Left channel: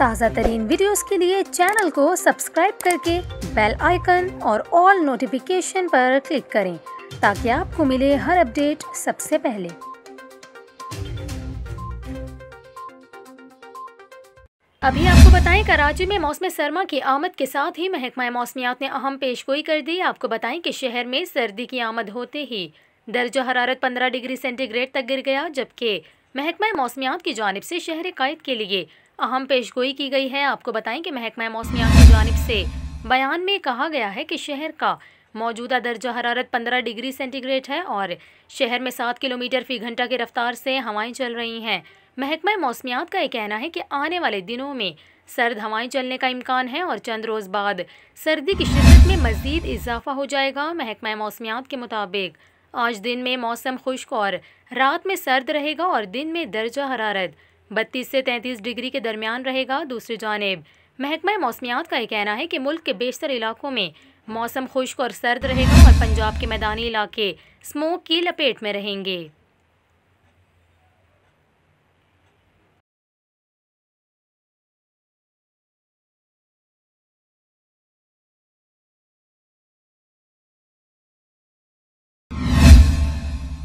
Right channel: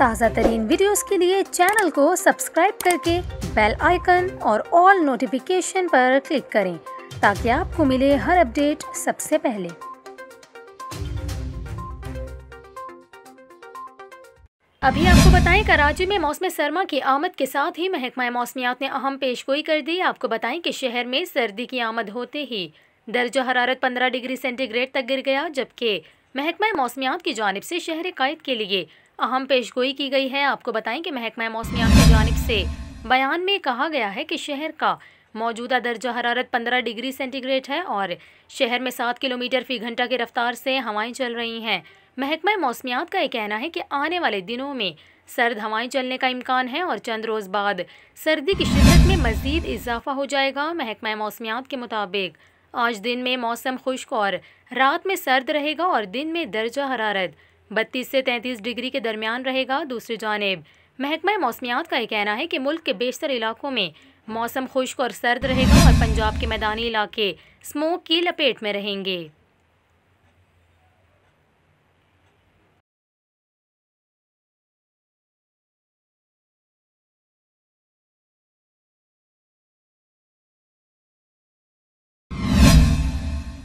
ताज़ा तरीन वीडियोस के लिए चैनल को सब्सक्राइब करके बेल आइकन और ऑल नोटिफिकेशन पर क्लिक करें ताकि आपको मिले हर अपडेट सबसे पहले। अभी आपको बताएं कराची में मौसम सरमा की आमद के साथ ही महकमा मौसमियात ने अहम पेशगोई कर दी। आपको बताएं कि शहर में सर्दी की आमद होते ही दर्जा हरारत 15 डिग्री सेंटीग्रेड तक गिर गया, जबकि महकमा मौसमियात की जानिब से शहर कायद के लिए अहम पेशगोई की गई है। आपको बताएं कि महकमा मौसमियात की जानिब से बयान में कहा गया है कि शहर का मौजूदा दर्जा हरारत 15 डिग्री सेंटीग्रेड है और शहर में 7 किलोमीटर फी घंटा की रफ्तार से हवाएं चल रही हैं। महकमा मौसमियात का यह कहना है कि आने वाले दिनों में सर्द हवाएं चलने का इम्कान है और चंद रोज़ बाद सर्दी की शिद्दत में मज़ीद इजाफा हो जाएगा। महकमा मौसमियात के मुताबिक आज दिन में मौसम खुश्क और रात में सर्द रहेगा और दिन में दर्जा हरारत 32 से 33 डिग्री के दरमियान रहेगा। दूसरी जानिब महकमा मौसमियात का यह कहना है कि मुल्क के बेशतर इलाकों में मौसम खुश्क और सर्द रहेगा और पंजाब के मैदानी इलाके स्मोक की लपेट में रहेंगे।